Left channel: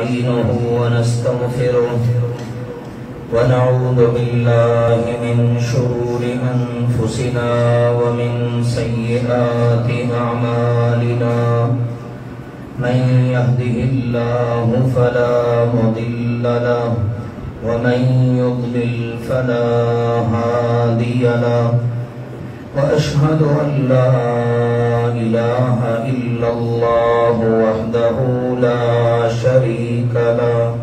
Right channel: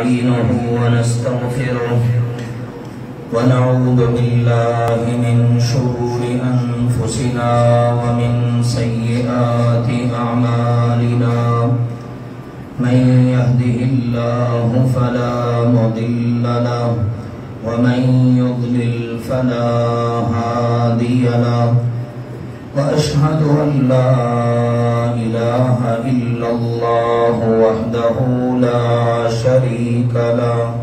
ونستعينه ونستغفره ونعوذ بالله من شرور أنفسنا ومن سيئات أعمالنا من يهده الله فلا مضل له ومن يضلل فلا هادي له وأشهد أن لا إله إلا الله وحده لا شريك له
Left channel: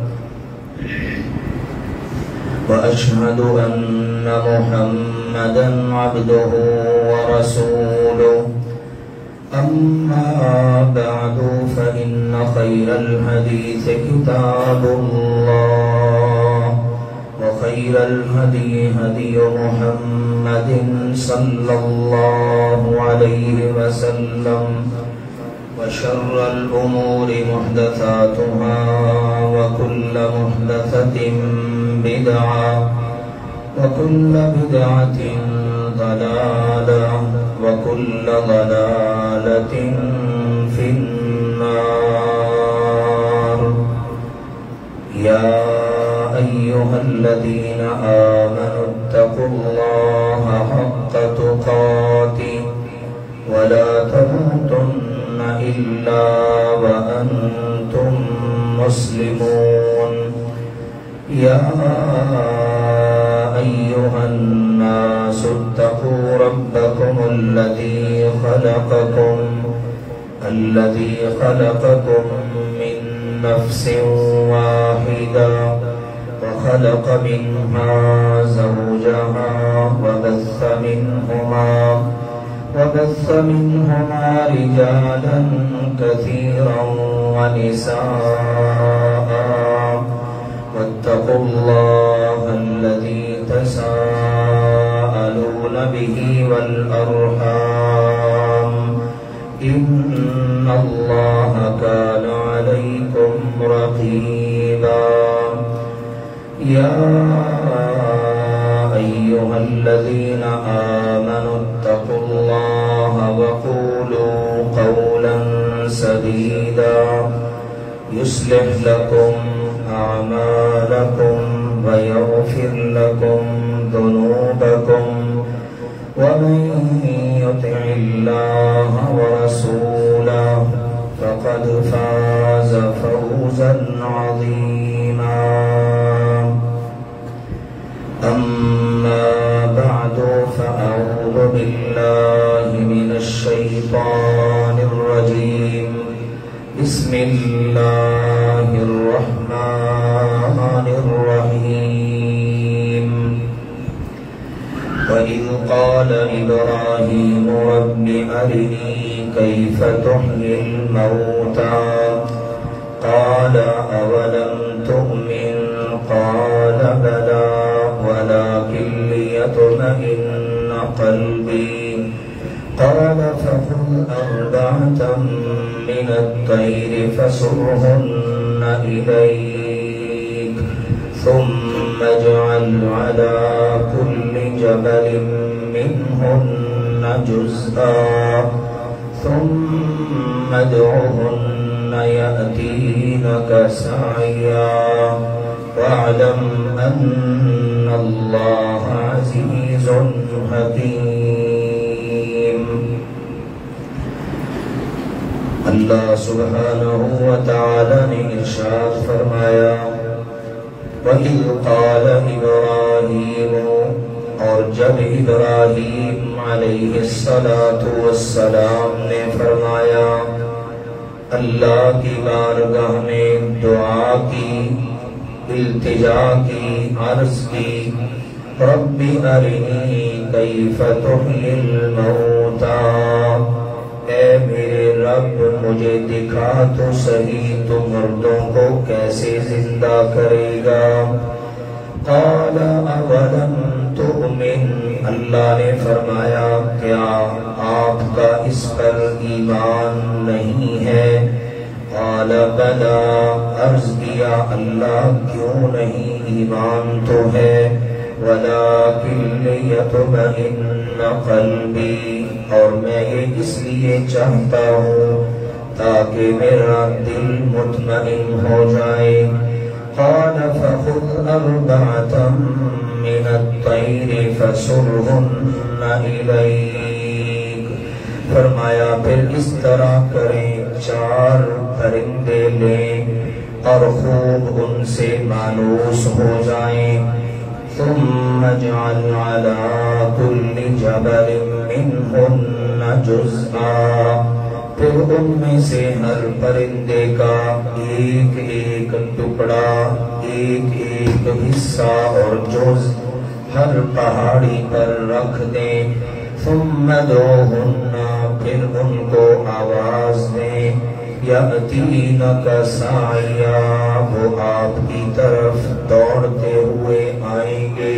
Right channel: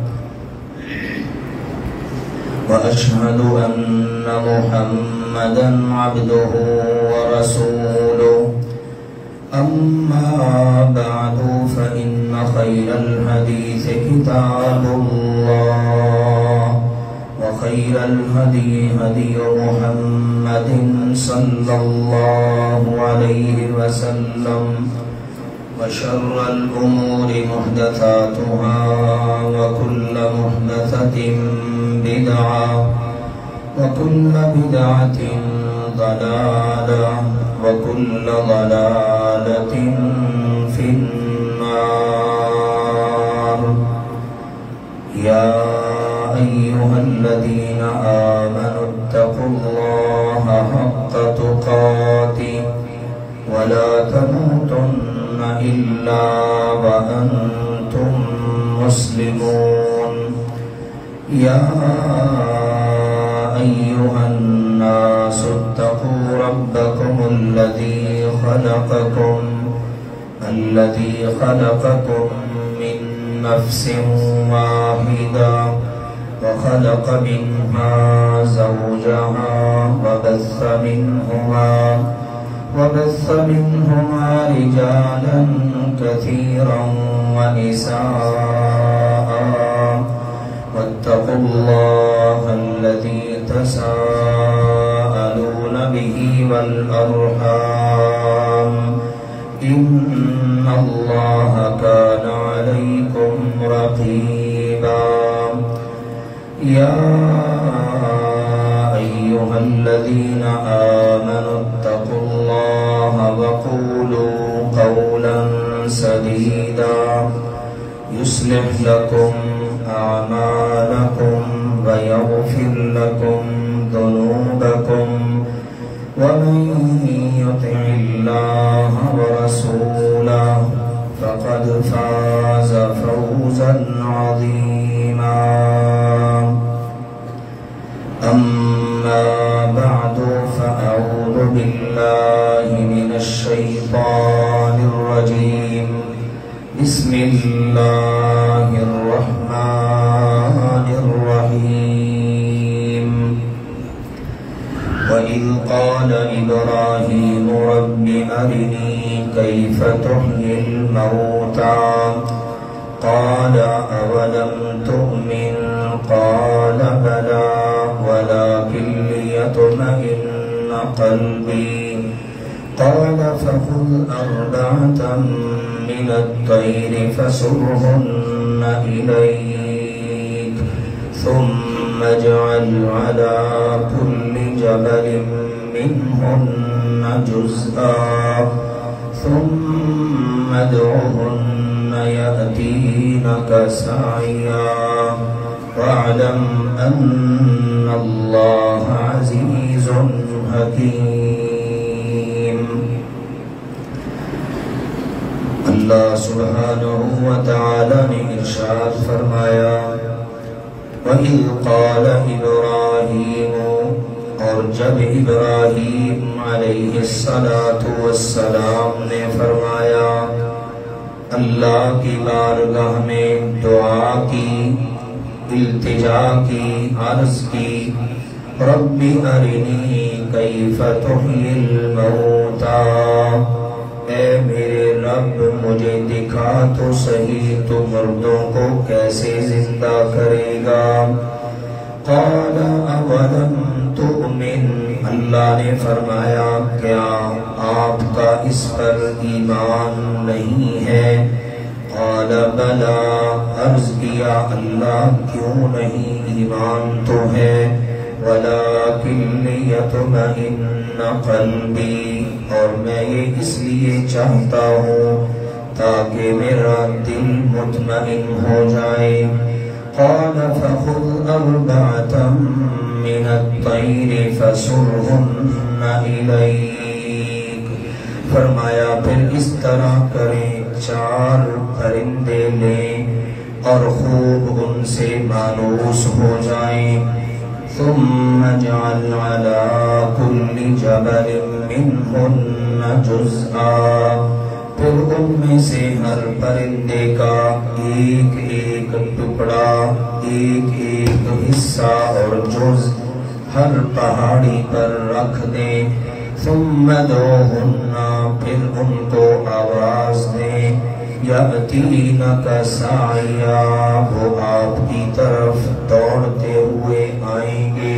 وأشهد أن محمدا عبده ورسوله أما بعد فإن خير الحديث كتاب الله وخير الهدي هدي محمد صلى الله عليه وسلم وشر الأمور محدثاتها وكل محدثة بدعة وكل بدعة ضلالة وكل ضلالة في النار. يا أيها الذين آمنوا اتقوا الله حق تقاته ولا تموتن إلا وأنتم مسلمون. يا أيها الناس اتقوا ربكم الذي خلقكم من نفس واحدة وخلق منها زوجها وبث منهما رجالا كثيرا ونساء واتقوا الله الذي تساءلون به والأرحام إن الله كان عليكم رقيبا. يا أيها الذين آمنوا اتقوا الله وقولوا قولا سديدا يصلح لكم أعمالكم ويغفر لكم ذنوبكم ومن يطع الله ورسوله فقد فاز فوزا عظيما. أما بعد فأعوذ بالله من الشيطان الرجيم. بسم الله الرحمن الرحيم. وإذ قال إبراهيم رب أرني كيف تحيي الموتى قال أولم تؤمن قال بلى ولكن ليطمئن قلبي قال فخذ أربعة من الطير فصرهن إليك ثم اجعل على كل جبل منهن جزءا ثم ادعهن يأتينك سعيا واعلم أن الله عزيز حكيم. اللہ سبحانہ وتعالی نے ارشاد فرمایا وَإِذْ قَالَ إِبْرَاهِيمُ، اور جب ابراہیم علیہ السلام نے فرمایا اللہ کی بارگاہ میں دعا کی، التجا کی، عرض کی رب ارنی کیف تحیی الموتى، اے میرے رب مجھے دکھا تو صحیح تو مردوں کو کیسے زندہ کرے گا. قال اولم تؤمن، اللہ نے فرمایا کیا آپ کا اس پر ایمان نہیں ہے؟ قال بلا، عرض کیا اللہ کیوں نہیں، ایمان تو ہے. ولكن ليطمئن قلبی، اور میں یہ اس لیے چاہتا ہوں تاکہ میرا دل مطمئن مطمئن ہو جائے. قال فخذ أربعة من الطير فصرهن إليك. فرمایا پھر اس طرح کریں 4 پرندے لیں اور خوب ان سے مانوس ہو جائیں. ثم اجعل على كل جبل منهن جزءا. پھر ان میں سے ہر پرندے کا ایک ایک ٹکڑا، ایک ایک حصہ اور جز ہر پہاڑی پر رکھ دیں. ثم ادعوهن، پھر ان کو آواز دیں. یأتینک سعیا، وہ آپ کی طرف دوڑتے ہوئے آئیں گے.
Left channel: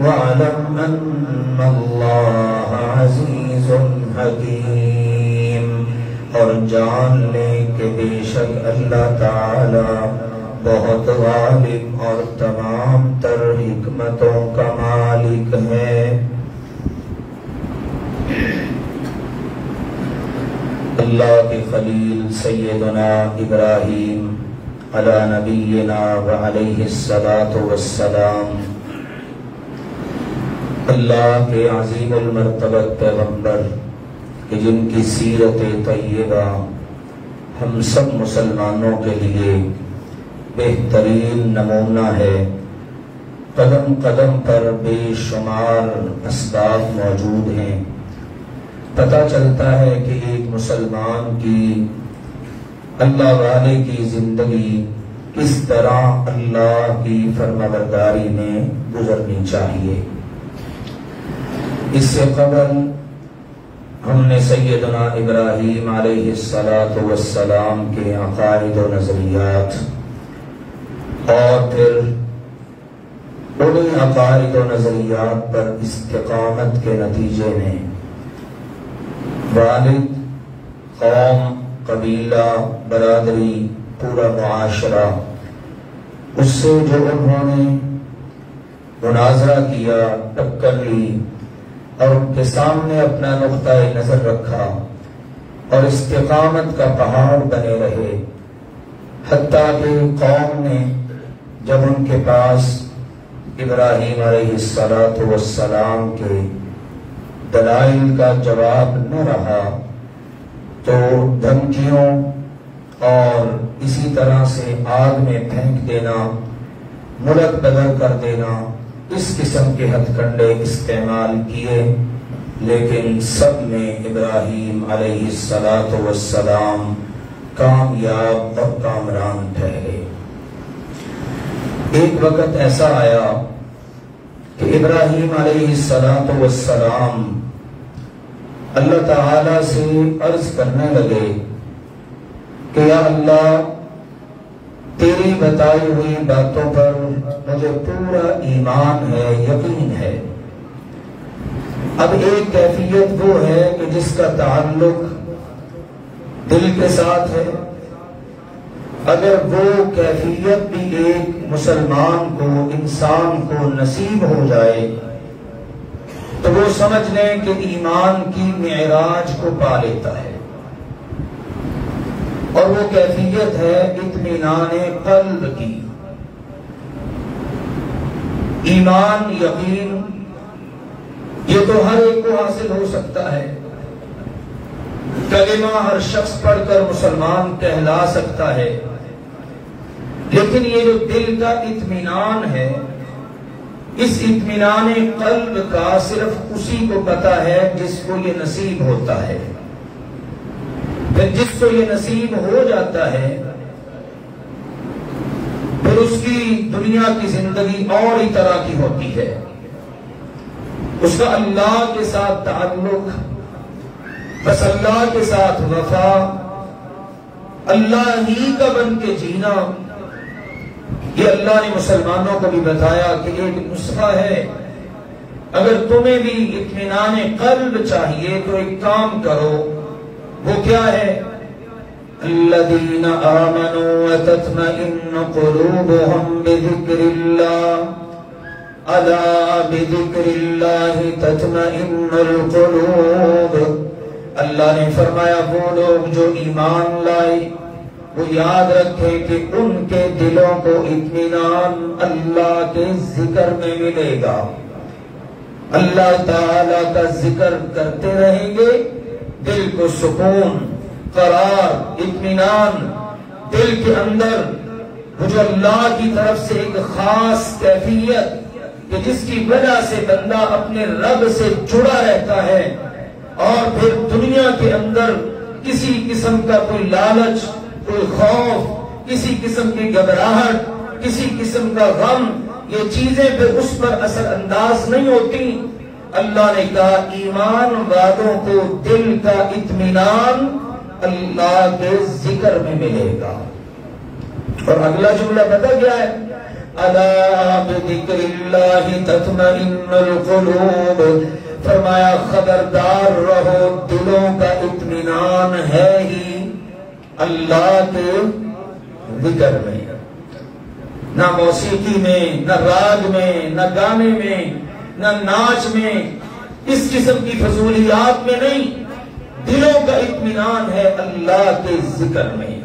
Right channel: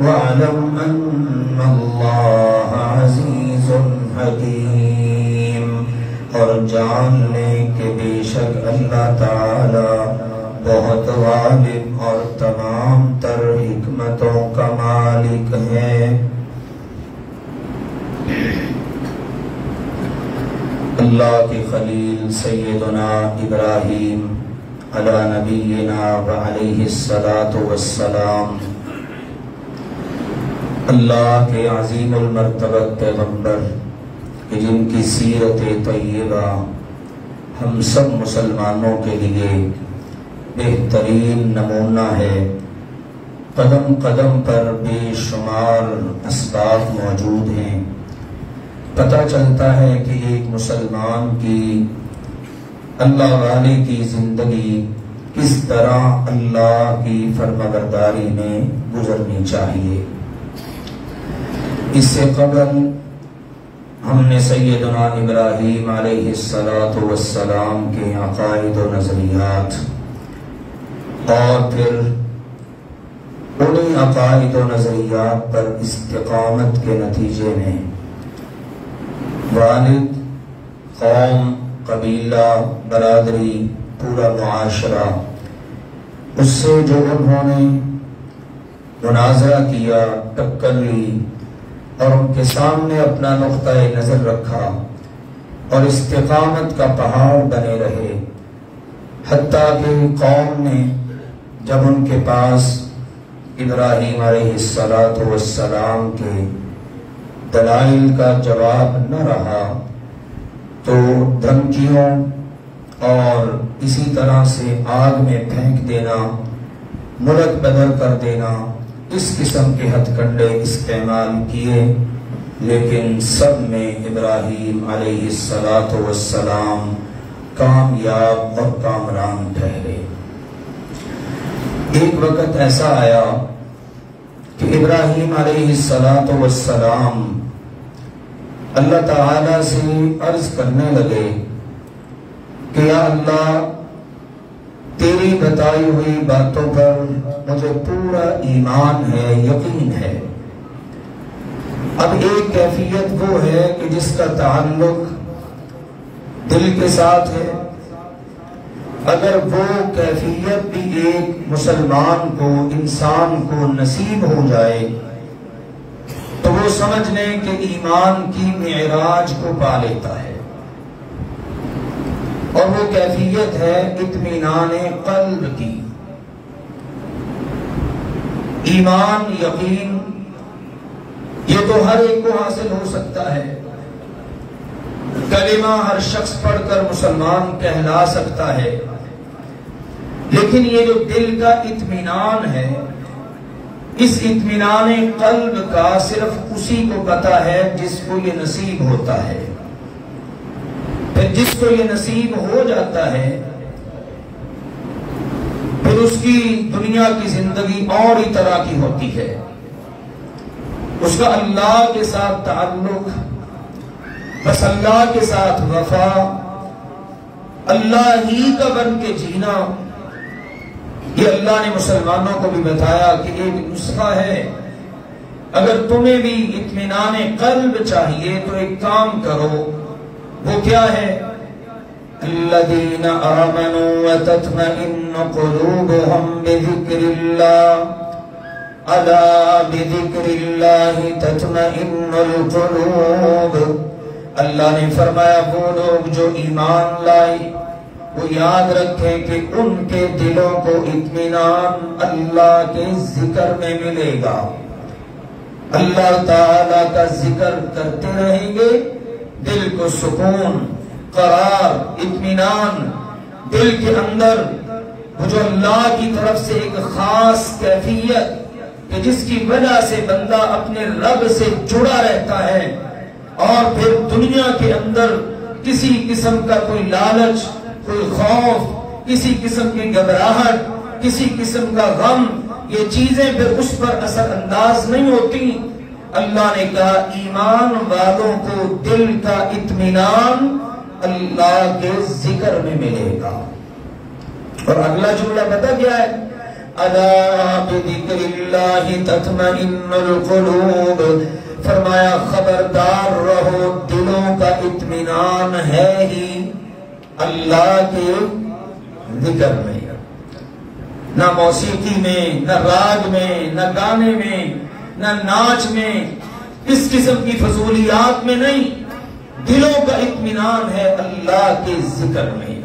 وَاعْلَمْ أَنَّ اللَّهَ عَزِيزٌ حَكِيمٌ، اور جان لیں کہ بے شک اللہ تعالی بہت غالب اور تمام تر حکمتوں کا مالک ہے. اللہ کے خلیل سیدنا ابراہیم علی نبینا وعلیہ الصلاۃ والسلام، اللہ کے عظیم المرتبہ پیغمبر کہ جن کی سیرت طیبہ ہم سب مسلمانوں کے لیے بہترین نمونہ ہے. قدم قدم پر بے شمار اسباب موجود ہیں. پتہ چلتا ہے کہ ایک مسلمان کی، اللہ والے کی زندگی کس طرح اللہ کی فرمانبرداری میں گزرنی چاہیے. اس سے قبل ہم نے سیدنا ابراہیم علیہ السلام کے عقائد و نظریات اور پھر انہی عقائد و نظریات پر استقامت کے نتیجے میں والد، قوم، قبیلہ، برادری، پورا معاشرہ، اس سے جو انہوں نے مناظرہ کیا، ٹکر لی اور ان کے سامنے اپنا نقطہ نظر رکھا اور استقامت کا پہاڑ بنے رہے. حتیٰ کہ قوم نے جب ان کے پاس ابراہیم علیہ السلام کے دلائل کا جواب نہ رہا تو دھمکیوں اور اسی طرح سے آگ میں پھینک دینا، ملک بدر کر دینا، اس قسم کے ہتھ کنڈے استعمال کیے، لیکن سب میں ابراہیم علیہ السلام کامیاب اور کامران ٹھہرے. ایک وقت ایسا آیا کہ ابراہیم علیہ السلام اللہ تعالی سے عرض کرنے لگے کہ یا اللہ، تیری بتائی ہوئی باتوں پر مجھے پورا ایمان ہے، یقین ہے. اب ایک کیفیت وہ ہے کہ جس کا تعلق دل کے ساتھ ہے. اگر وہ کیفیت بھی ایک مسلمان کو، انسان کو نصیب ہو جائے تو وہ سمجھ لیں کہ ایمان کی معراج کو پا لیتا ہے. اور وہ کیفیت ہے اطمینان قلب کی. ایمان، یقین، یہ تو ہر ایک کو حاصل ہو سکتا ہے. کلمہ ہر شخص پڑھ کر مسلمان کہلا سکتا ہے، لیکن یہ جو دل کا اطمینان ہے، اس اطمینان قلب کا صرف اسی کو پتہ ہے جس کو یہ نصیب ہوتا ہے. پھر جس کو یہ نصیب ہو جاتا ہے پھر اس کی دنیا کی زندگی اور ہی طرح کی ہوتی ہے. اس کا اللہ کے ساتھ تعلق، بس اللہ کے ساتھ وفا، اللہ ہی کا بن کے جینا. یہ اللہ نے مسلمانوں کو بھی بتایا کہ ایک نسخہ ہے. اگر تمہیں بھی اطمینان قلب چاہیے تو ایک کام کرو. وہ کیا ہے؟ الذین آمنوا وتطمئن قلوبهم بذکر اللہ، الا بذکر اللہ تطمئن القلوب. اللہ نے فرمایا وہ لوگ جو ایمان لائے وہ یاد رکھیں کہ ان کے دلوں کو اطمینان اللہ کے ذکر میں ملے گا. اللہ تعالی کا ذکر کرتے رہیں گے، دل کو سکون، قرار، اطمینان، دل کے اندر جو اللہ کی طرف سے ایک خاص کیفیت کہ جس کی وجہ سے بندہ اپنے رب سے جڑا رہتا ہے، اور پھر دنیا کے اندر کسی قسم کا کوئی لالچ، کوئی خوف، کسی قسم کی گھبراہٹ، کسی قسم کا غم، یہ چیزیں پھر اس پر اثر انداز نہیں ہوتی. اللہ نے کہا ایمان والوں کو دل کا اطمینان اللہ کے ذکر میں ملے گا. اور اگلا جملہ پتہ کیا ہے؟ الا بذکر اللہ تطمئن القلوب. فرمایا خبردار رہو، دلوں کا اطمینان ہے ہی اللہ کے ذکر میں. نہ موسیقی میں، نہ راگ میں، نہ گانے میں، نہ ناچ میں، اس قسم کی فضولیات میں نہیں. دلوں کا اطمینان ہے اللہ کے ذکر میں.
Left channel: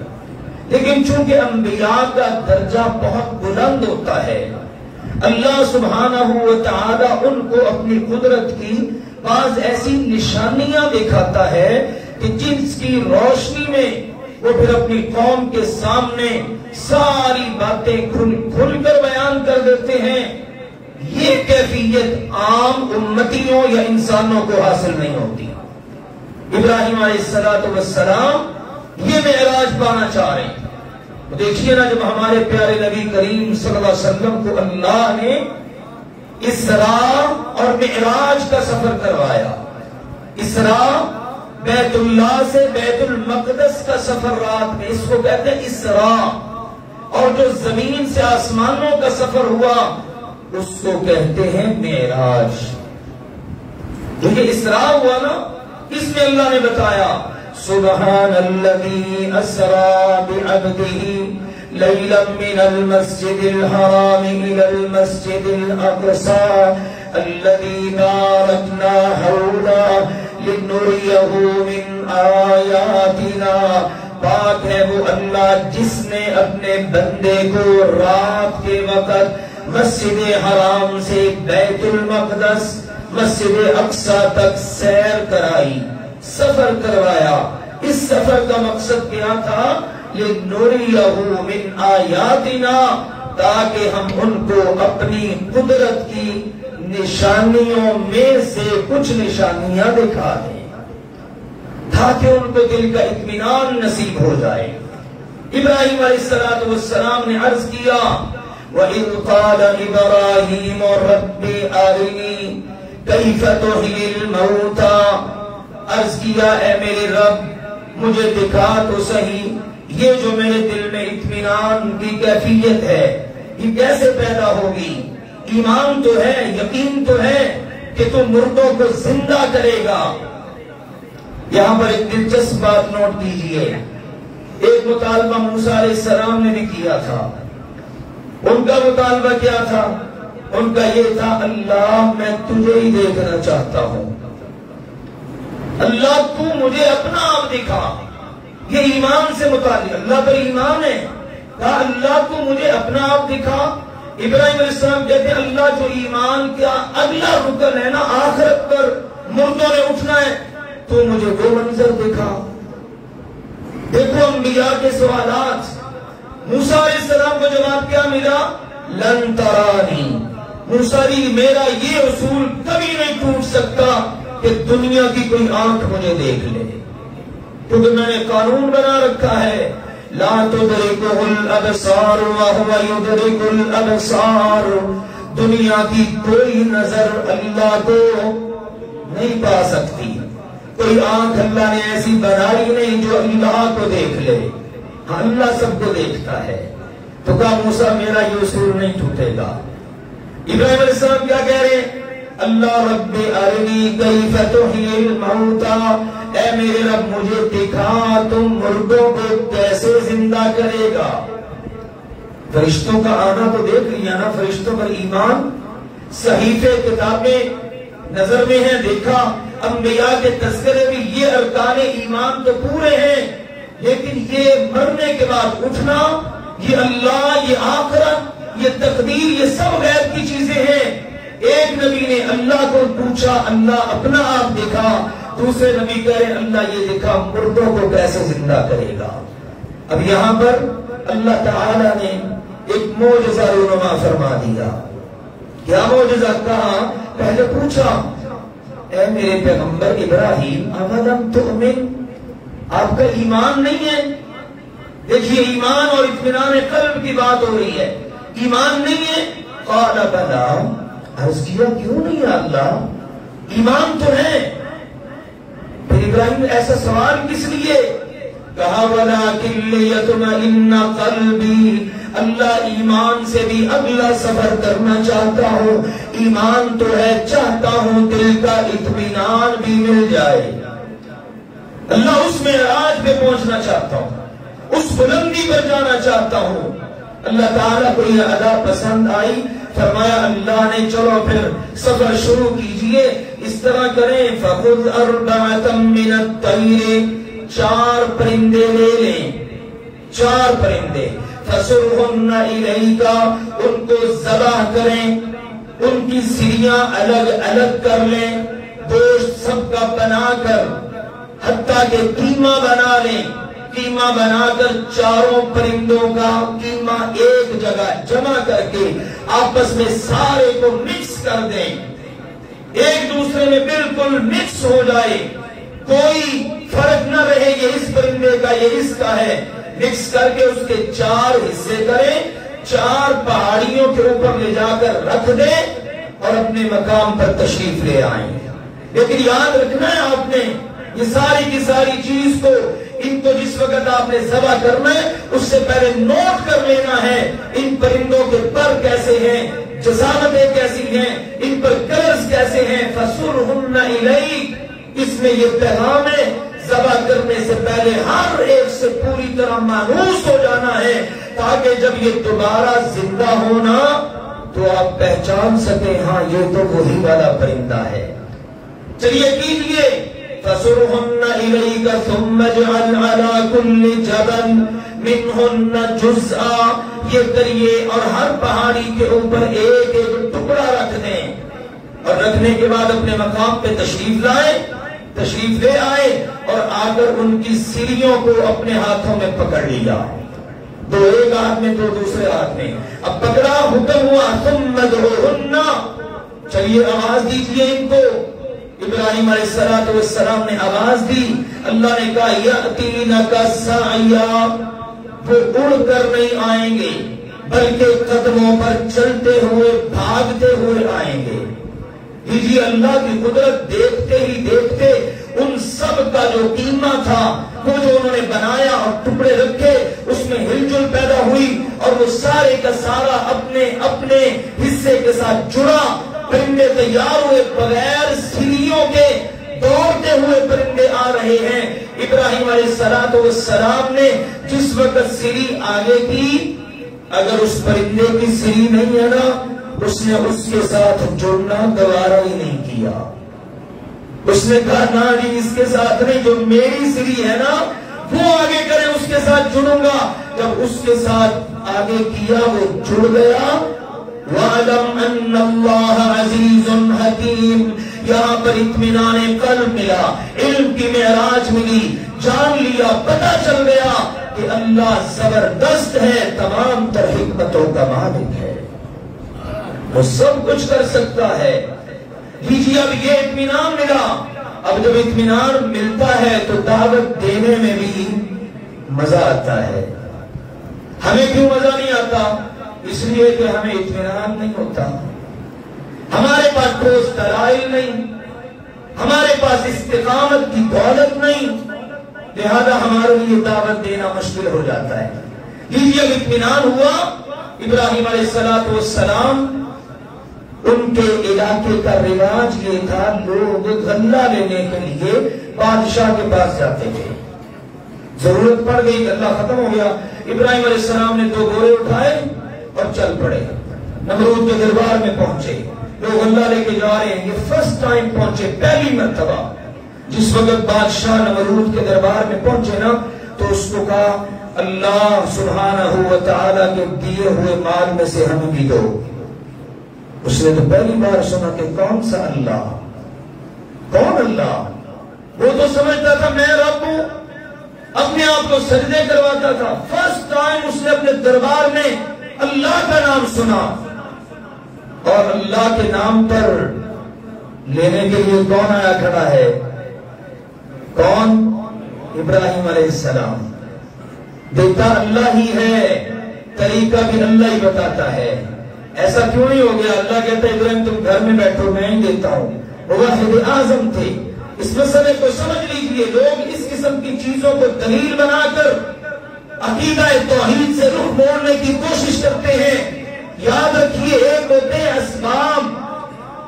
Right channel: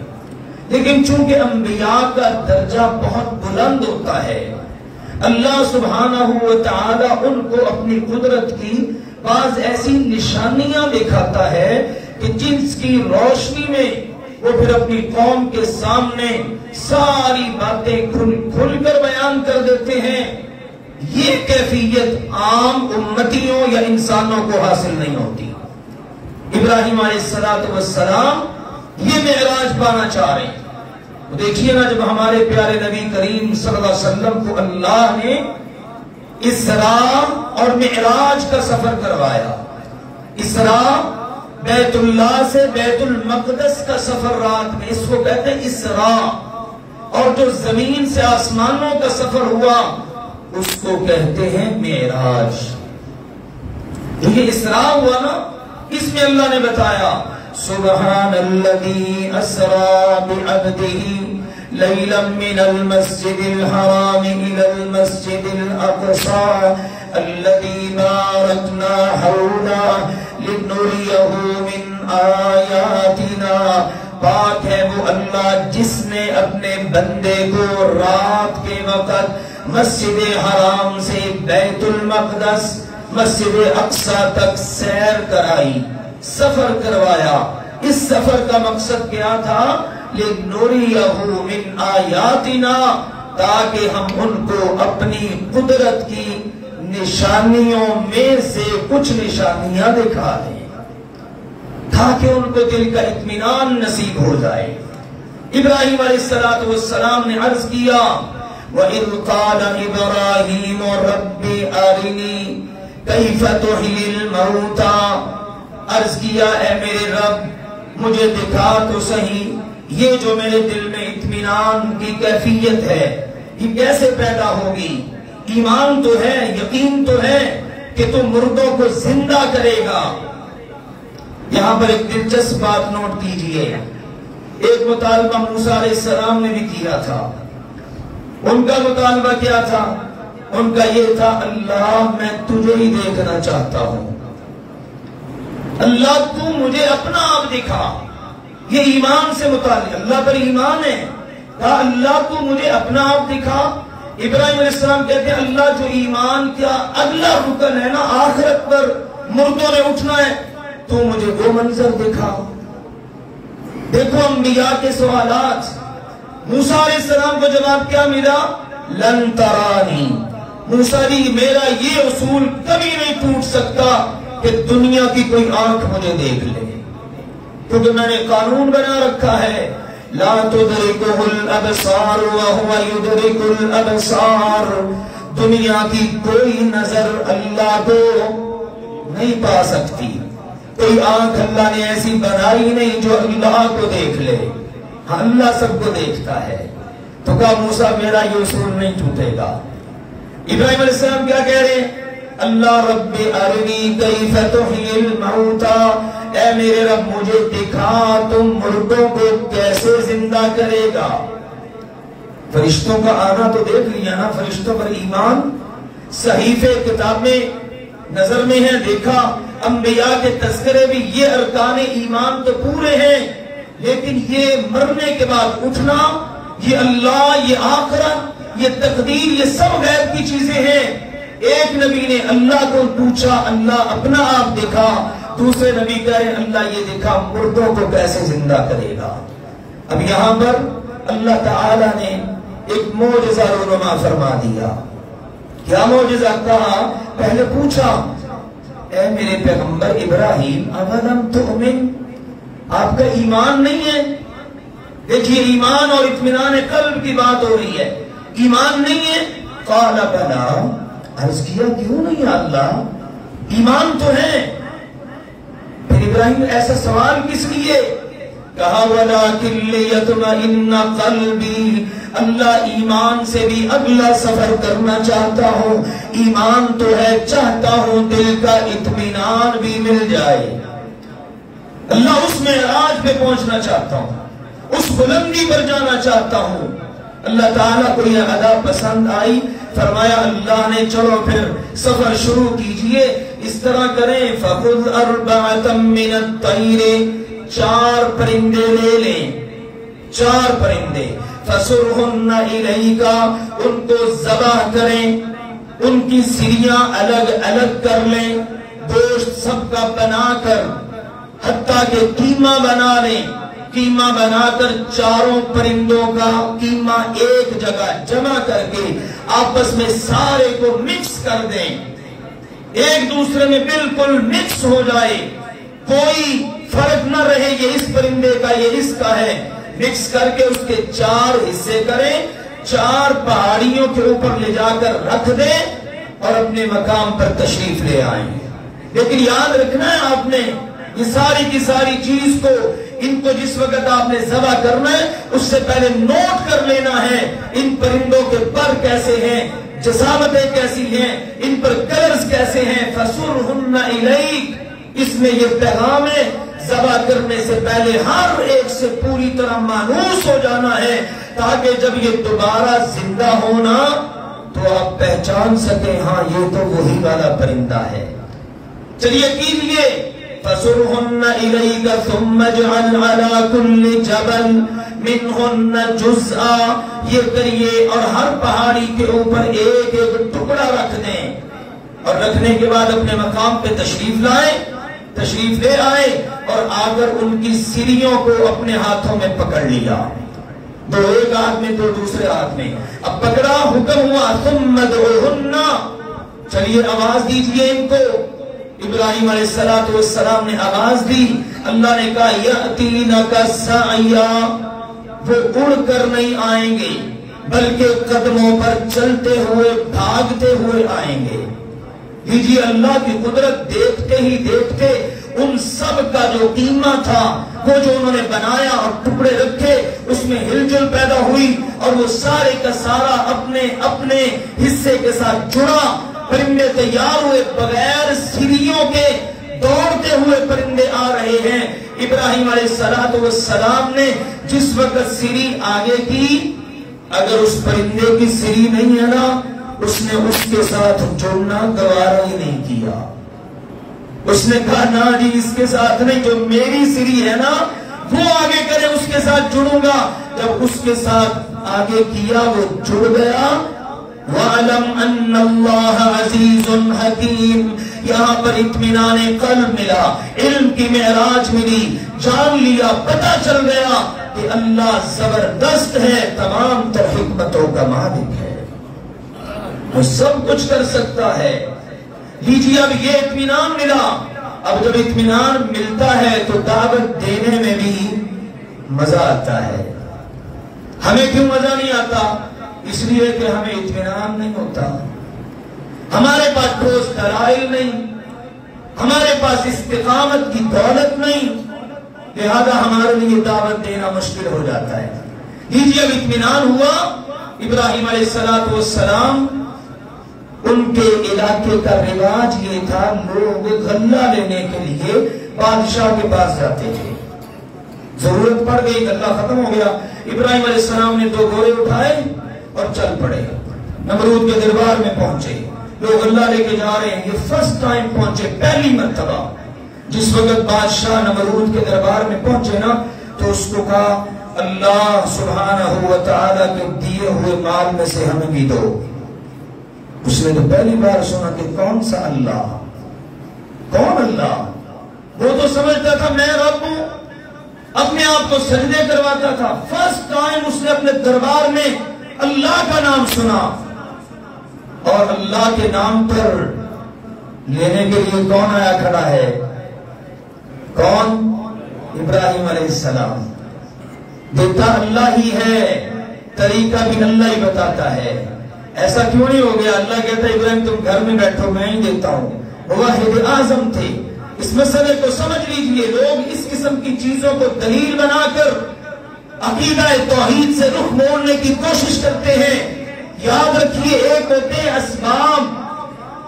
لیکن چونکہ انبیاء کا درجہ بہت بلند ہوتا ہے، اللہ سبحانہ و تعالی ان کو اپنی قدرت کی بعض ایسی نشانیاں دکھاتا ہے کہ جس کی روشنی میں وہ پھر اپنی قوم کے سامنے ساری باتیں کھل کر بیان کر دیتے ہیں. یہ کیفیت عام امتیوں یا انسانوں کو حاصل نہیں ہوتی. ابراہیم علیہ السلام یہ معراج پانا چاہ رہے ہیں. دیکھیے نا، جب ہمارے پیارے نبی کریم صلی اللہ علیہ وسلم کو اللہ نے اسراء اور معراج کا سفر کروایا. اسراء بیت اللہ سے بیت المقدس کا سفر رات میں، اس کو کہتے ہیں اسراء. اور جو زمین سے آسمانوں کا سفر ہوا اس کو کہتے ہیں معراج. دیکھیے اسراء ہوا نا، اس میں اللہ نے بتایا سبحان الذی اسرا بعبدہ لیلا من المسجد الحرام الى المسجد الاقصى الذی بارکنا حولہ لنریہ من آیاتنا. پاک ہے وہ اللہ جس نے اپنے بندے کو رات کے وقت مسجد حرام سے بیت المقدس مسجد اقصی تک سیر کرائی، سفر کروایا. اس سفر کا مقصد کیا تھا؟ لِنُرِيَهُ مِنْ آیَاتِنَا، تاکہ ہم ان کو اپنی قدرت کی نشانیوں میں سے کچھ نشانیاں دکھا دیں، تاکہ ان کو دل کا اطمینان نصیب ہو جائے. ابراہیم علیہ السلام نے عرض کیا وَإِذْ قَالَ إِبْرَاهِيمُ رَبِّ أَرِنِي كَيْفَ تُحْيِي الْمَوْتَى. عرض کیا اے میرے رب مجھے دکھا تو صحیح یہ جو میرے دل میں اطمینان کی کیفیت ہے یہ کیسے پیدا ہوگی. ایمان تو ہے، یقین تو ہے کہ تم مردوں کو زندہ کرے گا. یہاں پر ایک دلچسپ بات نوٹ کیجئے. ایک مطالبہ موسیٰ علیہ السلام نے بھی کیا تھا. ان کا مطالبہ کیا تھا؟ ان کا یہ تھا اللہ میں تجھے ہی دیکھنا چاہتا ہوں، اللہ تو مجھے اپنا آپ دکھا. یہ ایمان سے متعلق، اللہ پر ایمان ہے. کہا اللہ تو مجھے اپنا آپ دکھا. ابراہیم علیہ السلام کہتے ہیں اللہ جو ایمان کا اگلا رکن ہے نا، آخرت پر مردوں نے اٹھنا ہے، تو مجھے وہ منظر دکھا. دیکھو انبیاء کے سوالات. موسیٰ علیہ السلام کو جواب کیا ملا؟ لن ترانی. موسیٰ جی میرا یہ اصول کبھی نہیں ٹوٹ سکتا کہ دنیا کی کوئی آنکھ مجھے دیکھ لے، کیونکہ میں نے قانون بنا رکھا ہے لا تدرکہ الابصار وہو یدرک الابصار. دنیا کی کوئی نظر اللہ کو نہیں پا سکتی. کوئی آنکھ اللہ نے ایسی بنائی نہیں جو اللہ کو دیکھ لے. اللہ سب کو دیکھتا ہے. تو کہا موسیٰ میرا یہ اصول نہیں ٹوٹے گا. ابراہیم علیہ السلام کیا کہہ رہے ہیں؟ اللہ رب ارنی کیف تحیی الموتى. اے میرے رب مجھے دکھا تم مردوں کو کیسے زندہ کرے گا. فرشتوں کا آنا تو دیکھ لیا نا، فرشتوں پر ایمان، صحیفے کتابیں نظر میں ہیں دیکھا، انبیاء کے تذکرے بھی، یہ ارکان ایمان تو پورے ہیں. لیکن یہ مرنے کے بعد اٹھنا، یہ اللہ، یہ آخرت، یہ تقدیر، یہ سب غیر کی چیزیں ہیں۔ ایک نبی نے اللہ کو پوچھا، اللہ اپنا آپ دکھا۔ دوسرے نبی کہہ رہے اللہ یہ دکھا مردوں کو کیسے زندہ کرے گا۔ اب یہاں پر اللہ تعالی نے ایک معجزہ رونما فرما دیا۔ کیا معجزہ؟ کہا، پہلے پوچھا اے میرے پیغمبر ابراہیم اولم تؤمن، آپ کا ایمان نہیں ہے؟ دیکھیے ایمان اور اطمینان قلب کی بات ہو رہی ہے، ایمان نہیں ہے؟ قال بلا، عرض کیا کیوں نہیں اللہ، ایمان تو ہے۔ پھر ابراہیم ایسا سوال کس لیے؟ کہا وَلَٰكِن لِّيَطْمَئِنَّ قَلْبِي، اللہ ایمان سے بھی اگلا سفر کرنا چاہتا ہوں، ایمان تو ہے، چاہتا ہوں دل کا اطمینان بھی مل جائے۔ اللہ اس معراج پہ پہنچنا چاہتا ہوں، اس بلندی پر جانا چاہتا ہوں۔ اللہ تعالیٰ کو یہ ادا پسند آئی، فرمایا اللہ نے چلو پھر سفر شروع کیجئے، اس طرح کریں فَخُذْ أَرْبَعَةً مِّنَ الطَّيْرِ، 4 پرندے لے لیں، 4 پرندے، فَصُرْهُنَّ إِلَيْكَ، ان کو ذبح کریں، ان کی سریاں الگ الگ کر لیں، گوشت سب کا بنا کر، حتیٰ کہ قیمہ بنا لیں، قیمہ بنا کر 4 پرندوں کا قیمہ ایک جگہ جمع کر کے آپس میں سارے کو مکس کر دیں، ایک دوسرے میں بالکل مکس ہو جائے، کوئی فرق نہ رہے یہ اس پرندے کا یہ اس کا ہے، مکس کر کے اس کے 4 حصے کریں، 4 پہاڑیوں کے اوپر لے جا کر رکھ دیں اور اپنے مقام پر تشریف لے آئیں۔ لیکن یاد رکھنا ہے آپ نے یہ ساری کی ساری چیز کو، ان کو جس وقت آپ نے ذبح کرنا ہے اس سے پہلے نوٹ کر لینا ہے، ان پرندوں کے پر کیسے ہیں، جسامتیں کیسی ہیں، ان پر کلرز کیسے ہیں، فَصُرْهُنَّ إِلَيْكَ، اس میں یہ پیغام ہے ذبح کرنے سے پہلے ہر ایک سے پوری طرح مانوس ہو جانا ہے، تاکہ جب یہ دوبارہ زندہ ہونا تو آپ پہچان سکیں ہاں یہ تو وہی والا پرندہ ہے۔ چلیے کیجئے فَصُرْهُنَّ إِلَيْكَ ثُمَّ اجْعَلْ عَلَىٰ كُلِّ جَبَلٍ مِّنْهُنَّ جُزْءًا، یہ کریے اور ہر پہاڑی کے اوپر ایک ایک ٹکڑا رکھ دیں، اور رکھنے کے بعد اپنے مقام پہ تشریف لائیں، تشریف لے آئے اور آ کر ان کی سریوں کو اپنے ہاتھوں میں پکڑ لیا، 2 ایک ہاتھ میں 2 دوسرے ہاتھ میں، اب پکڑا، حکم ہوا ثُمَّ ادْعُوهُنَّ، چلیے آواز دیجئے ان کو۔ ابراہیم علیہ السلام نے آواز دی، اللہ نے کہا یَأْتِینَکَ سَعْیًا، وہ اڑ کر نہیں آئیں گے بلکہ قدموں پر چلتے ہوئے بھاگتے ہوئے آئیں گے۔ لیجیے اللہ کی قدرت، دیکھتے ہی دیکھتے ان سب کا جو قیمہ تھا، وہ جو انہوں نے بنایا اور ٹکڑے رکھے، اس میں ہلچل پیدا ہوئی اور وہ سارے کا سارا اپنے اپنے حصے کے ساتھ جڑا، پرندے تیار ہوئے، بغیر سریوں کے دوڑتے ہوئے پرندے آ رہے ہیں۔ ابراہیم علیہ السلام نے جس وقت سری آگے کی، اگر اس پرندے کی سری نہیں ہے نا، اس نے اس کے ساتھ جڑنا گوارا ہی نہیں کیا، اس نے کہا نا جی اس کے ساتھ نہیں، جو میری سری ہے نا وہ آگے کرے، اس کے ساتھ جڑوں گا۔ جب اس کے ساتھ آگے کیا وہ جڑ گیا۔ وَعَلَمْ أَنَّ اللَّهَ عَزِيزٌ حَكِيمٌ، یہاں پر اطمینان قلب ملا، علم کی معراج ملی، جان لیا، پتہ چل گیا کہ اللہ زبردست ہے، تمام تر حکمتوں کا مالک ہے، وہ سب کچھ کر سکتا ہے۔ لیجیے اب یہ اطمینان ملا، اب جب اطمینان ملتا ہے تو دعوت دینے میں بھی مزہ آتا ہے۔ ہمیں کیوں مزہ نہیں آتا؟ اس لیے کہ ہمیں اطمینان نہیں ہوتا، ہمارے پاس ٹھوس دلائل نہیں، ہمارے پاس استقامت کی دولت نہیں، لہذا ہمارے لیے دعوت دینا مشکل ہو جاتا ہے۔ لیجیے اب اطمینان ہوا، ابراہیم علیہ السلام، ان کے علاقے کا رواج یہ تھا، لوگ غلہ لینے کے لیے بادشاہ کے پاس جاتے تھے، ضرورت پڑ گئی، غلہ ختم ہو گیا، ابراہیم علیہ السلام نے 2 گھوڑے اٹھائے اور چل پڑے، نمرود کے دربار میں پہنچے، لوگ غلہ لے کے جا رہے ہیں، یہ فرسٹ ٹائم پہنچے، پہلی مرتبہ۔ جس وقت بادشاہ نمرود کے دربار میں پہنچے نا، تو اس کو کہا اللہ سبحانہ و تعالیٰ کے دیے ہوئے مال میں سے ہمیں بھی دو. اس نے تو پہلی بار سنا کہ کون سا اللہ, کون اللہ؟ وہ تو سمجھتا تھا میں رب ہوں, اپنے آپ کو سجدے کرواتا تھا. فرسٹ ٹائم اس نے اپنے دربار میں اللہ کا نام سنا, اور اللہ کے نام پر لینے کے لیے کون آیا کھڑا ہے؟ کون؟ ابراہیم علیہ السلام. دیتا اللہ ہی ہے, طریقہ بھی اللہ ہی بتاتا ہے. ایسا کیوں نہیں ہو گیا؟ اللہ کہتا ہے ابراہیم تم گھر میں بیٹھو میں ہی دیتا ہوں. واحد اعظم تھے. اس مسئلے کو سمجھ لیجئے. لوگ اس قسم کی چیزوں کو دلیل بنا کر عقیدہ توحید سے رخ موڑنے کی کوشش کرتے ہیں. یاد رکھیے, ایک ہوتے ہیں اسباب,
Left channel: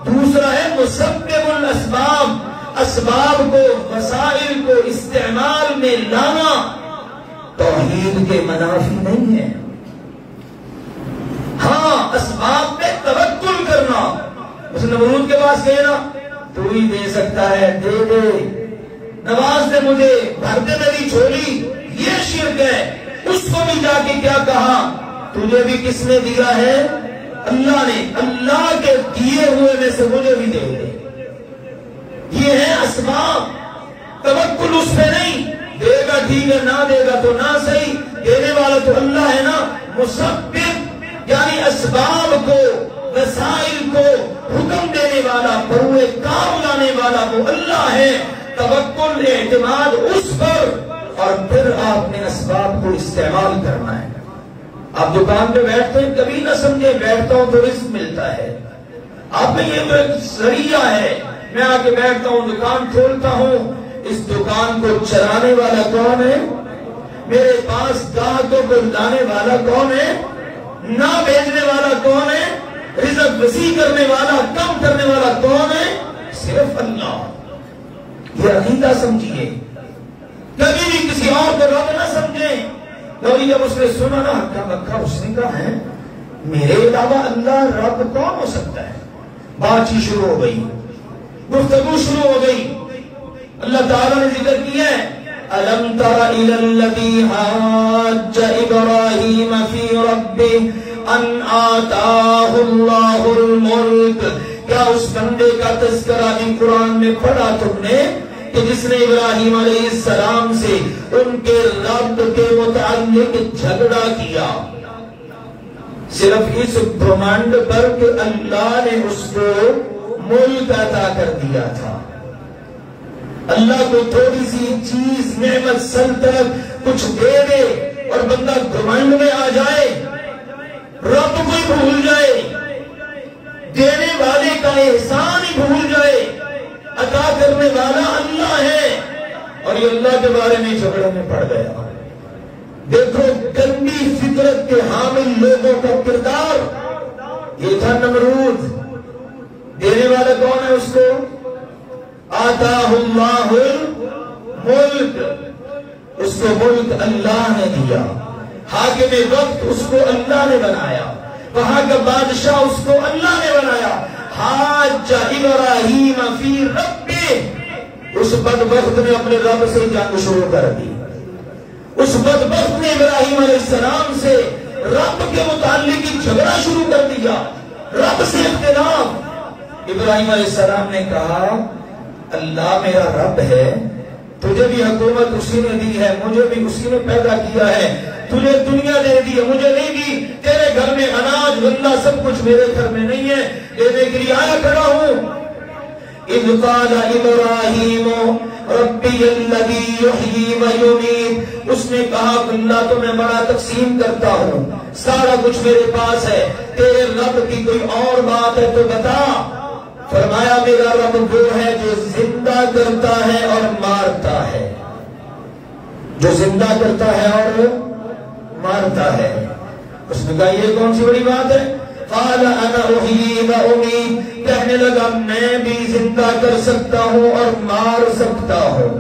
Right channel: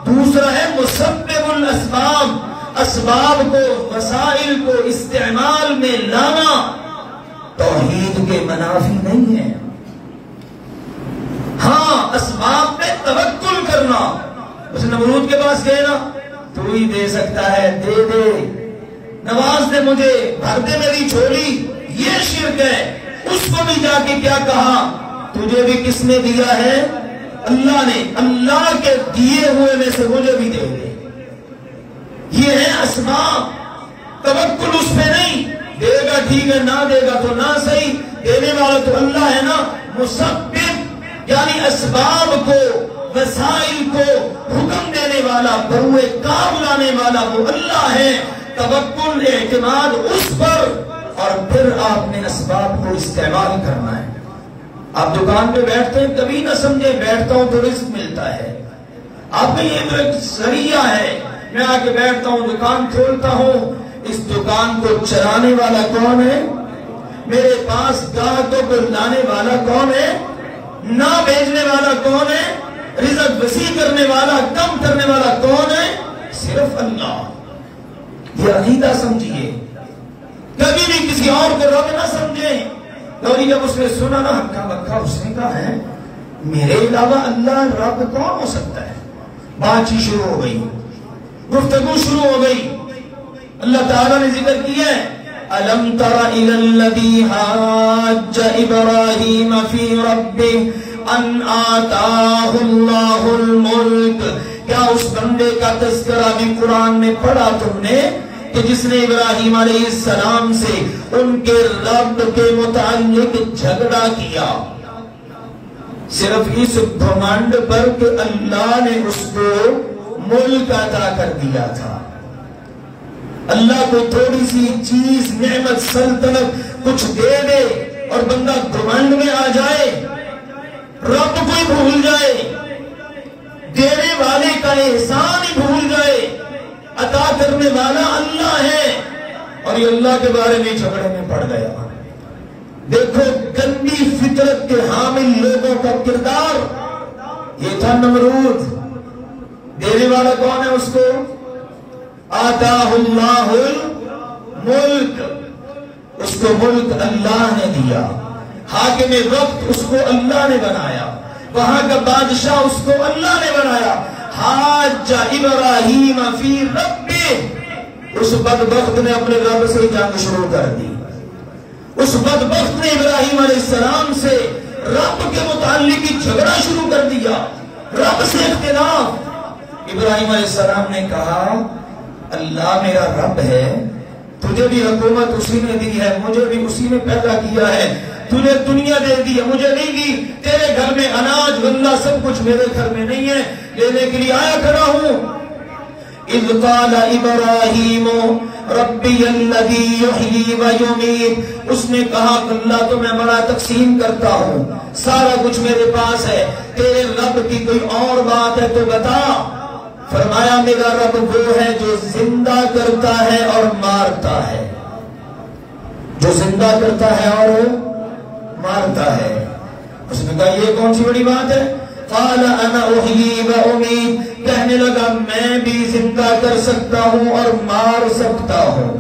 دوسرا ہے مسبب الاسباب. اسباب کو, مسائل کو استعمال میں لانا توحید کے منافی نہیں ہے. ہاں, اسباب پہ توکل کرنا. اس نمرود کے پاس گئے نا, تو ہی دے سکتا ہے, دے دے, نواز دے مجھے, بھر دے میری جھولی, یہ شرک ہے. اس کو بھی جا کے کیا کہا؟ تجھے بھی کس نے دیا ہے؟ اللہ نے. اللہ کے دیے ہوئے میں سے مجھے بھی دے دے. یہ ہے اسباب. توکل اس پہ نہیں. دے گا ٹھیک ہے, نہ دے گا تو نہ صحیح, دینے والا تو اللہ ہے نا. مسبب یعنی اسباب کو, وسائل کو حکم دینے والا, بروئے کام لانے والا وہ اللہ ہے. توکل اعتماد اس پر, اور پھر آپ نے اسباب کو استعمال کرنا ہے. آپ دکان پہ بیٹھتے ہیں, کبھی نہ سمجھے بیٹھتا ہوں تو رزق ملتا ہے. آپ کا یہ ایک ذریعہ ہے. میں آ کے بیٹھتا ہوں, دکان کھولتا ہوں, اس دکان کو چلانے والا کون ہے؟ میرے پاس گاہکوں کو لانے والا کون ہے؟ نہ بیچنے والا کون ہے؟ رزق وسیع کرنے والا, کم کرنے والا کون ہے؟ صرف اللہ. یہ عقیدہ سمجھیے. کبھی بھی کسی اور کو رب نہ سمجھیں. اور جب اس نے سنا نا کہا, اس نے کہا ہے میرے علاوہ اللہ رب کون ہو سکتا ہے؟ بات چیت شروع ہو گئی, گفتگو شروع ہو گئی. اللہ تعالیٰ نے ذکر کیا ہے أَلَمْ تَرَ إِلَى الَّذِي حَاجَّ إِبْرَاهِيمَ فِي رَبِّهِ أَنْ آتَاهُ اللَّهُ الْمُلْكَ. کیا اس بندے کا تذکرہ بھی قرآن میں پڑھا تم نے کہ جس نے ابراہیم علیہ السلام سے ان کے رب کے متعلق جھگڑا کیا, صرف اس گھمنڈ پر کہ اللہ نے اس کو ملک عطا کر دیا تھا. اللہ کو تھوڑی سی چیز, نعمت, سلطنت کچھ دے دے اور بندہ گھمنڈ میں آ جائے, رب کو ہی بھول جائے, دینے والے کا احسان ہی بھول جائے. عطا کرنے والا اللہ ہے, اور یہ اللہ کے بارے میں جھگڑے میں پڑ گیا. دیکھو گندی فطرت کے حامل لوگوں کا کردار. یہ تھا نمرود. دینے والا کون ہے اس کو؟ آتاہ اللہ الملک. اس کو ملک اللہ نے دیا. حاکم وقت اس کو اللہ نے بنایا. وہاں کا بادشاہ اس کو اللہ نے بنایا. حاج ابراہیم فی ربہ. اس بدبخت نے اپنے رب سے جنگ شروع کر دی. اس بدبخت نے ابراہیم علیہ السلام سے رب کے متعلق ہی جھگڑا شروع کر دیا, رب سے اختلاف. ابراہیم علیہ السلام نے کہا اللہ میرا رب ہے, تجھے بھی حکومت اسی نے دی ہے, مجھے بھی اسی نے پیدا کیا ہے. تجھے دنیا دے دی ہے, مجھے نہیں دی. تیرے گھر میں اناج غلہ سب کچھ میرے گھر میں نہیں ہے, لینے کے لیے آیا کھڑا ہوں. اذ قال ابراہیم ربی الذی یحیی و یمیت. اس نے کہا اللہ تو میں بڑا تقسیم کرتا ہوں, سارا کچھ میرے پاس ہے, تیرے رب کی کوئی اور بات ہے تو بتا. فرمایا میرا رب وہ ہے جو زندہ کرتا ہے اور مارتا ہے, جو زندہ کرتا ہے اور مارتا ہے. اس نے کہا یہ کون سی بڑی بات ہے؟ قال انا احیی و امیت. کہنے لگا میں بھی زندہ کر سکتا ہوں اور مار سکتا ہوں,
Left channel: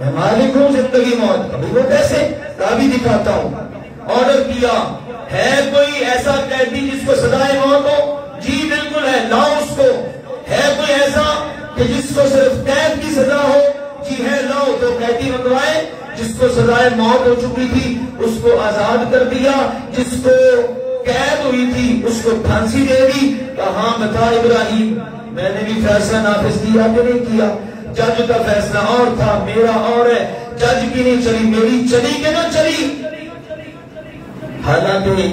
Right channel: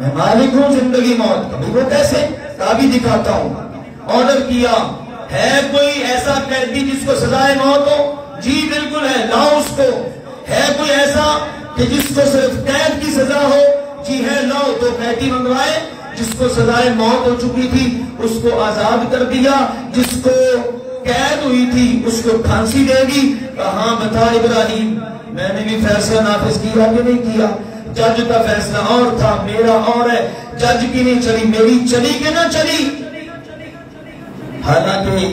میں مالک ہوں زندگی موت کا. وہ کیسے؟ کہا بھی دکھاتا ہوں. آرڈر کیا, ہے کوئی ایسا قیدی جس کو سزائے موت ہو؟ جی بالکل ہے, لاؤ اس کو. ہے کوئی ایسا کہ جس کو صرف قید کی سزا ہو؟ جی ہے, لاؤ. تو قیدی منگوائے, جس کو سزائے موت ہو چکی تھی اس کو آزاد کر دیا، جس کو قید ہوئی تھی اس کو پھانسی دے دی۔ کہاں بتا ابراہیم میں نے بھی فیصلہ نافذ کیا کہ نہیں کیا؟ جج کا فیصلہ اور تھا، میرا اور ہے، جج کی نہیں چلی، میری چلی کہ نہ چلی؟ حالانکہ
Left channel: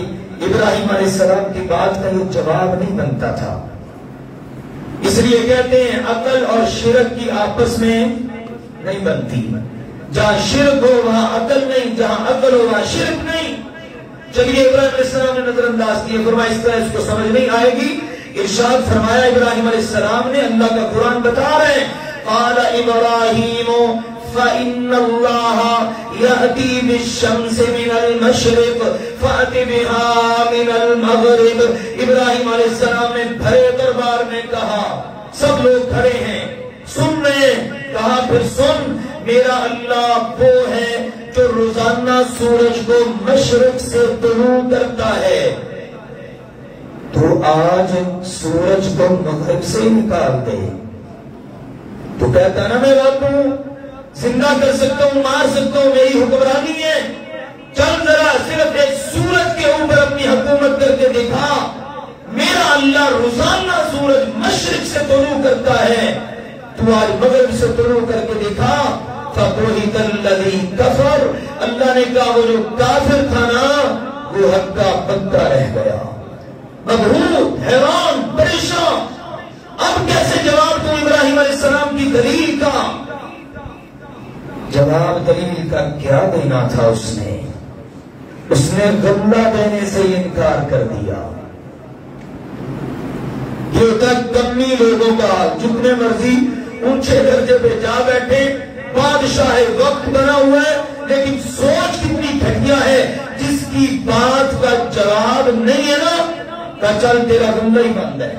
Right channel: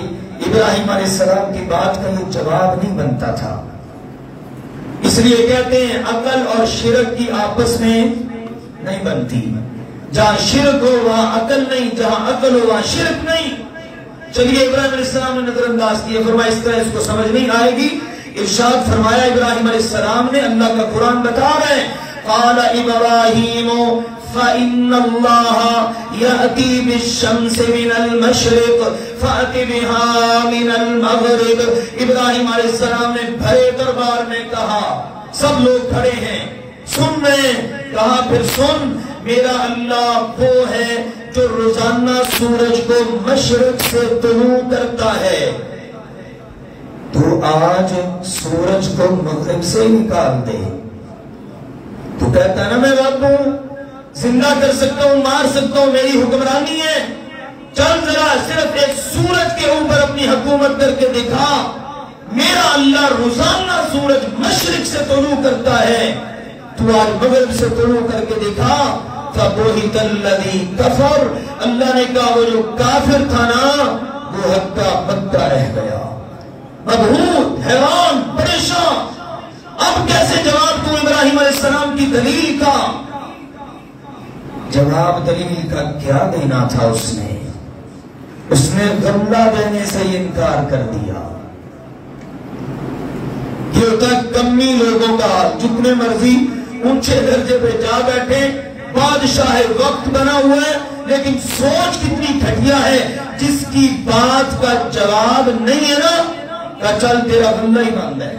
ابراہیم علیہ السلام کی بات کا یہ جواب نہیں بنتا تھا۔ اس لیے کہتے ہیں عقل اور شرک کی آپس میں نہیں بنتی، جہاں شرک ہو وہاں عقل نہیں، جہاں عقل ہو وہاں شرک نہیں۔ چلیے ابراہیم علیہ السلام نے نظر انداز کیے، فرمایا اس طرح اس کو سمجھ نہیں آئے گی۔ ارشاد فرمایا ابراہیم علیہ السلام نے، اللہ کا قرآن بتا رہے ہیں، قال ابراہیم فإن اللہ یأتی بالشمس من المشرق فأت بها من المغرب۔ ابراہیم علیہ السلام نے بھرے دربار میں کہا، سب لوگ کھڑے ہیں سن رہے ہیں، کہا پھر سن، میرا اللہ وہ ہے جو روزانہ سورج کو مشرق سے طلوع کرتا ہے، تو آج سورج کو مغرب سے نکال دے۔ تو کہتا نا میں بات ہوں، زندہ کر سکتا ہوں، مار سکتا ہوں، میری حکمرانی ہے، چل ذرا صرف ایک سورج کے اوپر اپنی حکومت کر کے دکھا۔ میرا اللہ روزانہ سورج مشرق سے طلوع کرتا ہے، تو آج مغرب سے طلوع کر کے دکھا۔ فَبُهِتَ الَّذِي كَفَرَ، اللہ نے کہا وہ جو کافر تھا نا وہ ہکا بکا رہ گیا، مبہوت، حیران، پریشان۔ اب کیسے جواب دوں ابراہیم علیہ السلام کی دلیل کا؟ جواب دلیل کا کیا دینا تھا؟ اس نے غلہ دینے سے انکار کر دیا۔ یہ ہوتا ہے کمی لوگوں کا، جتنے مرضی اونچے درجے پہ جا بیٹھے، بادشاہ وقت بنا ہوا ہے، لیکن سوچ کتنی گھٹیا ہے، جس کی بات کا جواب نہیں ہے نا، کہ چل تیرا غلہ ہی بند ہے۔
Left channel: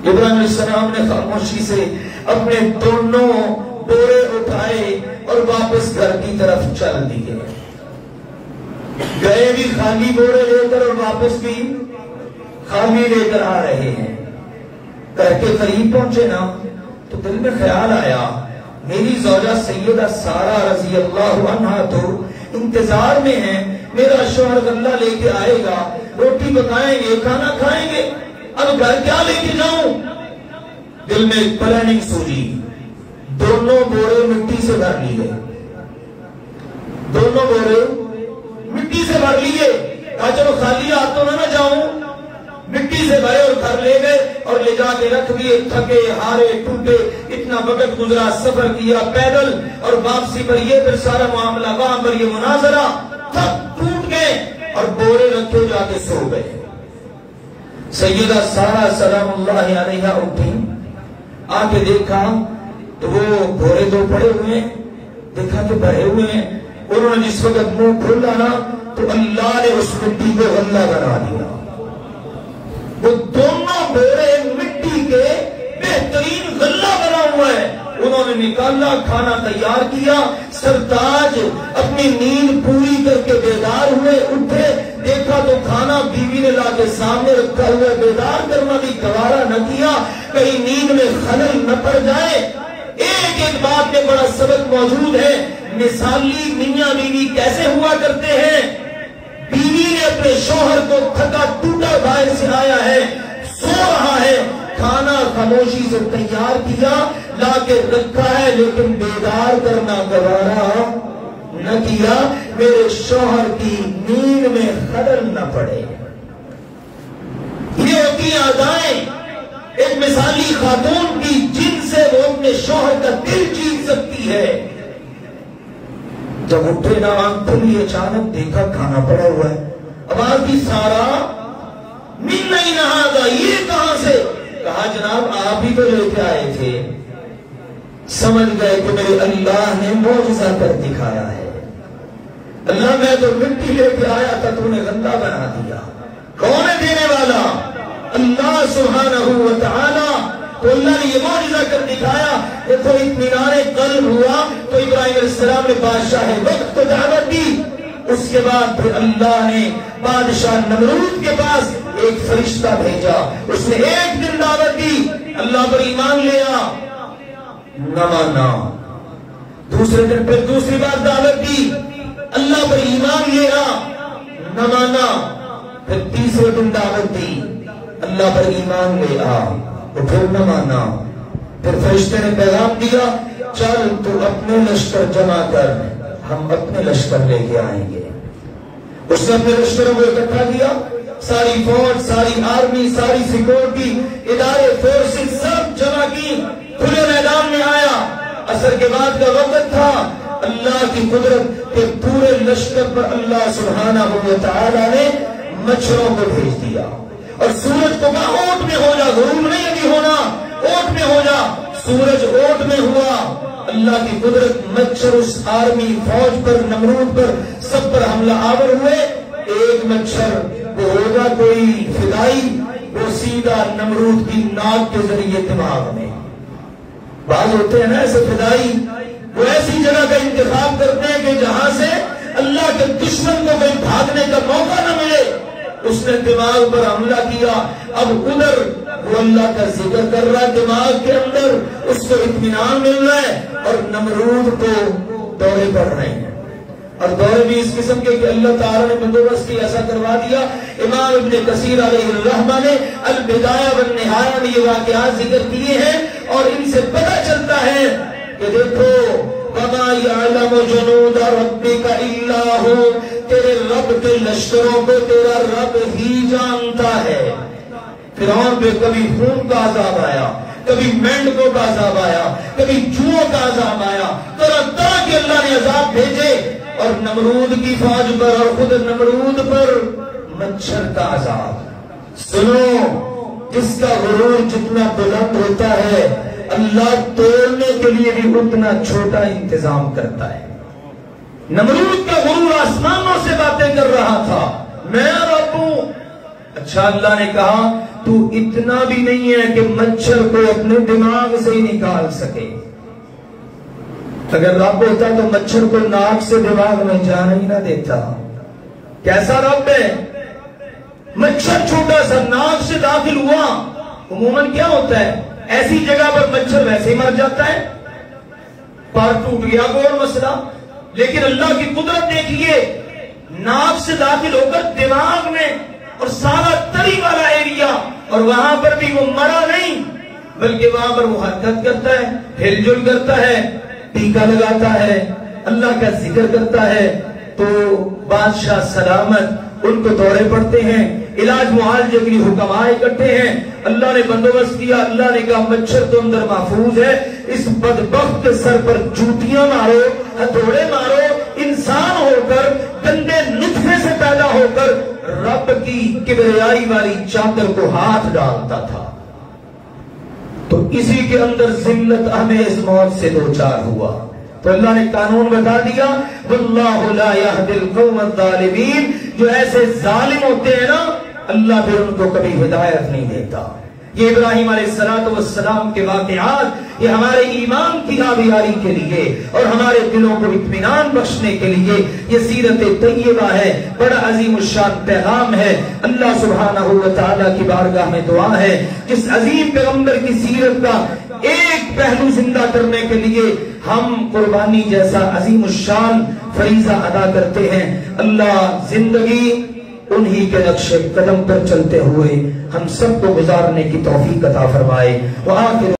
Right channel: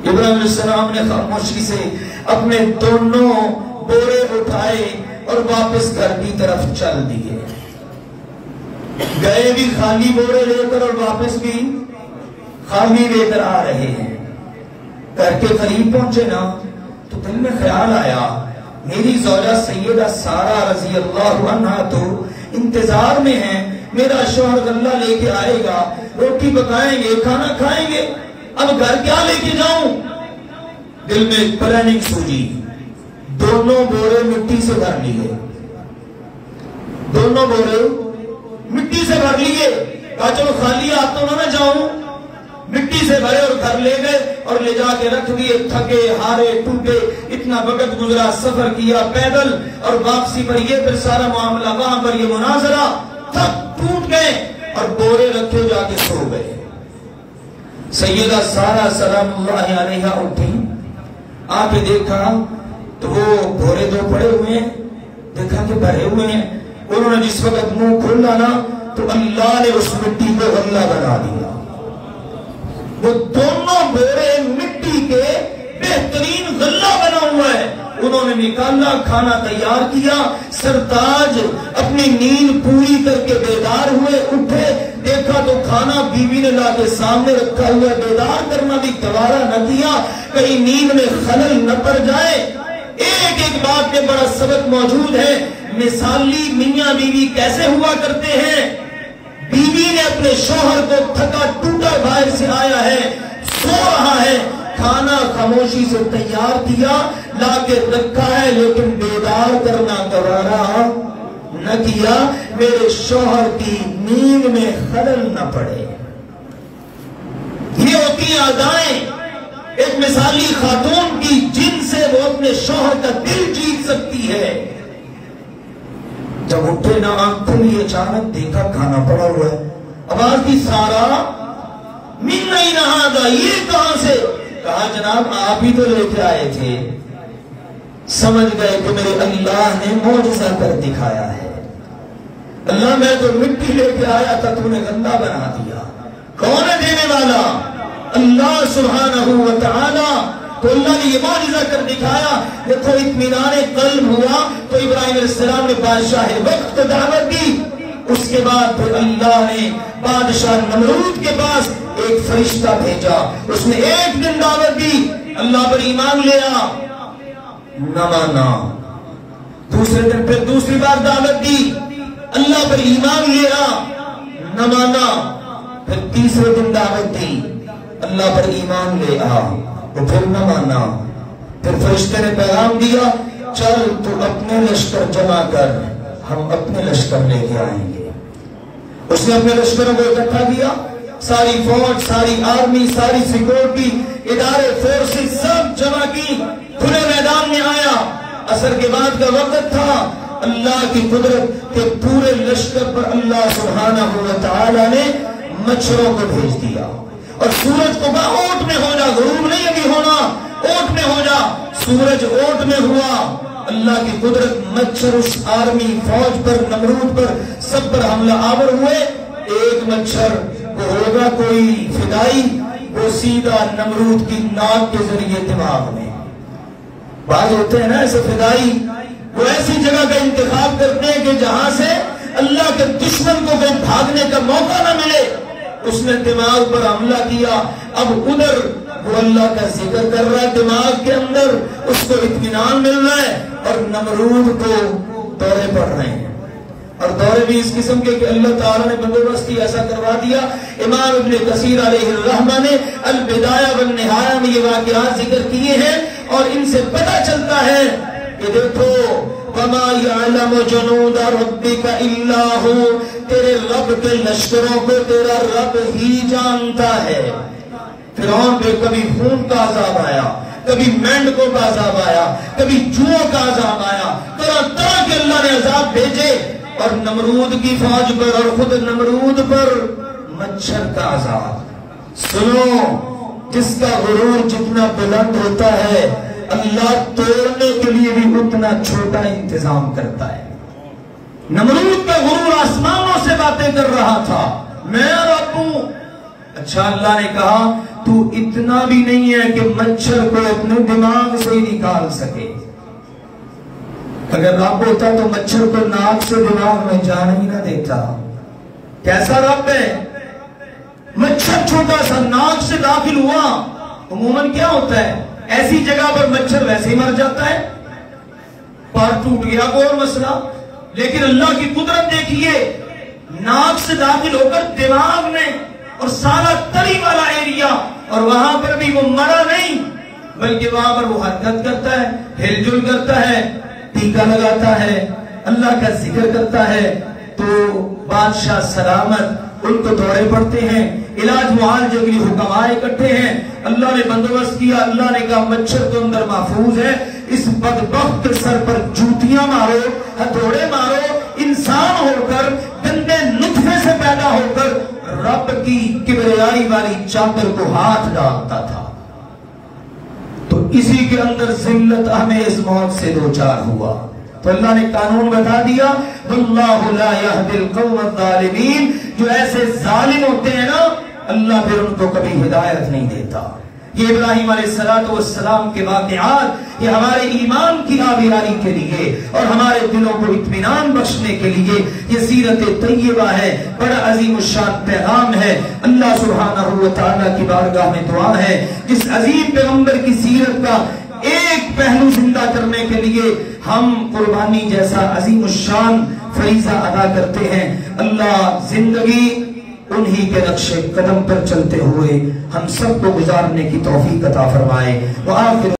ابراہیم علیہ السلام نے خاموشی سے اپنے دونوں بورے اٹھائے اور واپس گھر کی طرف چل دیے۔ گئے بھی خالی بورے لے کر اور واپس بھی خالی لے کر آ رہے ہیں۔ گھر کے قریب پہنچے نا تو دل میں خیال آیا، میری زوجہ سیدہ سارہ رضی اللہ عنہا تو انتظار میں ہیں، میرا شوہر غلہ لے کے آئے گا، روٹی پکائیں گے، کھانا کھائیں گے، اب گھر کیا لے کے جاؤں؟ دل میں پلاننگ سوچی، دونوں بورے مٹی سے بھر لیے، دونوں بورے مٹی سے بھر لیے، کہا چلو خالی ہاتھوں نہ جاؤں، مٹی سے بھرے اور گھر لے گئے اور لے جا کے رکھ دیے۔ تھکے ہارے ٹوٹے، اتنا وقت گزرا، سفر کیا پیدل، اور واپسی پر یہ پھر سارا معاملہ، وہاں پر یہ مناظرہ، تھک ٹوٹ گئے اور بورے رکھے جا کے سو گئے۔ سیدہ سارہ سلام اللہ علیہا اٹھی، آ کے دیکھا تو وہ بورے دو پڑے ہوئے ہیں، دیکھا کہ بھرے ہوئے ہیں۔ انہوں نے جس وقت منہ کھولا نا تو اللہ نے اس مٹی کو غلہ بنا دیا۔ وہ دونوں بورے مٹی کے بہترین غلہ بنا ہوا ہے۔ انہوں نے نکالا، کھانا تیار کیا، سرتاج اپنی نیند پوری کر کے بیدار ہوئے، اٹھے، دیکھا تو کھانا بیوی نے لا کے سامنے رکھا ہوا، بیدار کرنا بھی گوارا نہ کیا، کہیں نیند میں خلل نہ پڑ جائے۔ ایک ایک بات میں بڑا سبق موجود ہے۔ مثالی میاں بیوی کیسے ہوا کرتے ہیں؟ بیوی نے اپنے شوہر کو تھکا ٹوٹا باہر سے آیا ہے، سو رہا ہے، کھانا خاموشی سے تیار کیا، لا کے رکھا ہے، لیکن بیدار کرنا گوارا نہ کیا، میرے شوہر کی نیند میں خلل نہ پڑے۔ یہ ہوتی ہیں ادائیں ایک مثالی خاتون کی، جن سے وہ اپنے شوہر کا دل جیت سکتی ہے۔ جب اٹھے نا آنکھ کھلی، اچانک دیکھا کھانا پڑا ہوا، آواز کی سارا من نہیں نہا گا، یہ کہاں سے؟ کہا جناب آپ ہی تو لے کے آئے تھے۔ سمجھ گئے کہ میرے اللہ نے معجزہ کر دکھایا ہے۔ اللہ میں تو مٹی لے کے آیا تھا، تو نے غلہ بنا دیا۔ کون ہے دینے والا؟ اللہ سبحانہ و تعالی۔ تو اللہ نے یہ معجزہ کر دکھایا۔ دیکھو اطمینان قلب ہوا تو ابراہیم علیہ السلام نے بادشاہ وقت کو دعوت دی۔ اس کے بعد پھر اللہ نے بادشاہ نمرود کے پاس ایک فرشتہ بھیجا، اس نے ایک دن دعوت دی، اللہ پر ایمان لیا، نہ مانا، دوسرے دن پھر دوسری بار دعوت دی، اللہ پر ایمان لے آ، نہ مانا۔ پھر تیسرے دن دعوت دی، اللہ پر ایمان لے آ، وہ پھر نہ مانا۔ پھر فرشتے نے پیغام دیا، چل تو اپنے لشکر جمع کر، ہم اپنے لشکر لے کے آئیں گے۔ اس نے اپنے لشکروں کو اکٹھا کیا، ساری فوج، ساری آرمی، ساری سیکورٹی ادارے، فورسز سب جمع کی، کھلے میدان میں آیا۔ عصر کے بعد کا وقت تھا، اللہ کی قدرت کے پورے لشکر پر اللہ سبحانہ و تعالی نے مچھروں کو بھیج دیا، اور سورج کو کہا اوٹ میں ہو جا، غروب نہیں ابھی ہونا، اوٹ میں ہو جا۔ سورج اوٹ میں ہوا، اللہ کی قدرت، مچھر اس آرمی، فوج پر، نمرود پر، سب پر حملہ آور ہوئے۔ ایک مچھر کو ہوگا کوئی فدائی، وہ سیدھا نمرود کی ناک کے ذریعے دماغ میں۔ بعض ہوتے ہیں نا ایسے فدائی، وہ ایسی جگہ کا انتخاب کرتے ہیں کہ جہاں سے اللہ کے دشمن کو کہیں بھاگنے کا موقع نہ ملے۔ اس نے دماغ پر حملہ کیا، اب ادھر وہ اللہ کا ذکر کر رہا ہے، دماغ کے اندر اس کو اطمینان مل رہا ہے، اور نمرود کو دورے پڑ رہے ہیں۔ اور دورے بھی اس قسم کے کہ اللہ تعالیٰ نے بندوبست کی، ایسا کروا دیا۔ امام ابن کثیر علیہ الرحمہ نے البدایہ والنہایہ میں یہ واقعات ذکر کیے ہیں، اور ان سے پتہ چلتا ہے کہ دیکھو وَمَا يَعْلَمُ جُنُودَ رَبِّكَ إِلَّا هُوَ، تیرے رب کے لشکروں کو تیرا رب ہی جانتا ہے۔ فرعون پہ کبھی خون کا عذاب آیا، کبھی مینڈکوں کا عذاب آیا، کبھی چوہوں کا عذاب آیا، طرح طرح کے اللہ نے عذاب بھیجے، اور نمرود کی فوج پر اور خود نمرود پر مچھر کا عذاب۔ سنو، جس کا غرور جتنا بلند ہوتا ہے، اللہ توڑنے کے لیے بھی اتنا چھوٹا انتظام کرتا ہے۔ نمرود کا غرور آسمانوں سے باتیں کر رہا تھا، میں رب ہوں۔ اچھا، اللہ نے کہا تو اتنا بھی نہیں ہے کہ مچھر کو اپنے دماغ سے ہی نکال سکے۔ اگر رب ہوتا تو مچھر کو ناک سے دماغ میں جانے ہی نہ دیتا۔ کیسا رب ہے؟ مچھر چھوٹا سا ناک سے داخل ہوا، عموماً کیا ہوتا ہے، ایسی جگہ پر مچھر ویسے ہی مر جاتا ہے، پار ٹوٹ گیا کوئی مسئلہ، لیکن اللہ کی قدرت دیکھیے، ناک سے داخل ہو کر دماغ میں، اور سارا تلی والا ایریا، اور وہاں پر بھی وہ مرا نہیں، بلکہ وہاں پر وہ حرکت کرتا ہے، ہل جل کرتا ہے، ٹیکا لگاتا ہے، اللہ کا ذکر کرتا ہے۔ تو بادشاہ سلامت، ان کو دورے پڑتے ہیں، علاج معالجے کے لیے حکماء اکٹھے ہیں، اللہ نے بندوبست کیا، اللہ نے کہا مچھر تو اندر محفوظ ہے، اس بدبخت کے سر پر جوتیاں مارو، ہتھوڑے مارو، انسان ہو کر، گندے نطفے سے پیدا ہو کر رب کی کبریائی والی چادر کو ہاتھ ڈالتا تھا، تو اسی کے اندر ذلت آمیز موت سے دوچار ہوا۔ تو اللہ نے قانون بتا دیا، وَاللَّهُ لَا يَهْدِي الْقَوْمَ الظَّالِمِينَ، جو ایسے ظالم ہوتے ہیں نا، اللہ پھر ان کو کبھی ہدایت نہیں دیتا۔ یہ ابراہیم علیہ السلام کے واقعات، یہ ہمارے ایمان کی آبیاری کے لیے اور ہمارے دلوں کو اطمینان بخشنے کے لیے یہ سیرت طیبہ ہے، بڑا عظیم الشان پیغام ہے۔ اللہ سبحانہ و تعالیٰ کی بارگاہ میں دعا ہے، جس عظیم پیغمبر کی سیرت کا ایک پہلو زندہ کرنے کے لیے ہم قربانی جیسا عظیم الشان فریضہ ادا کرتے ہیں، اللہ زندگی انہی کے نقش قدم پر چلتے ہوئے ہم سب کو گزارنے کی توفیق عطا فرمائے۔ وآخر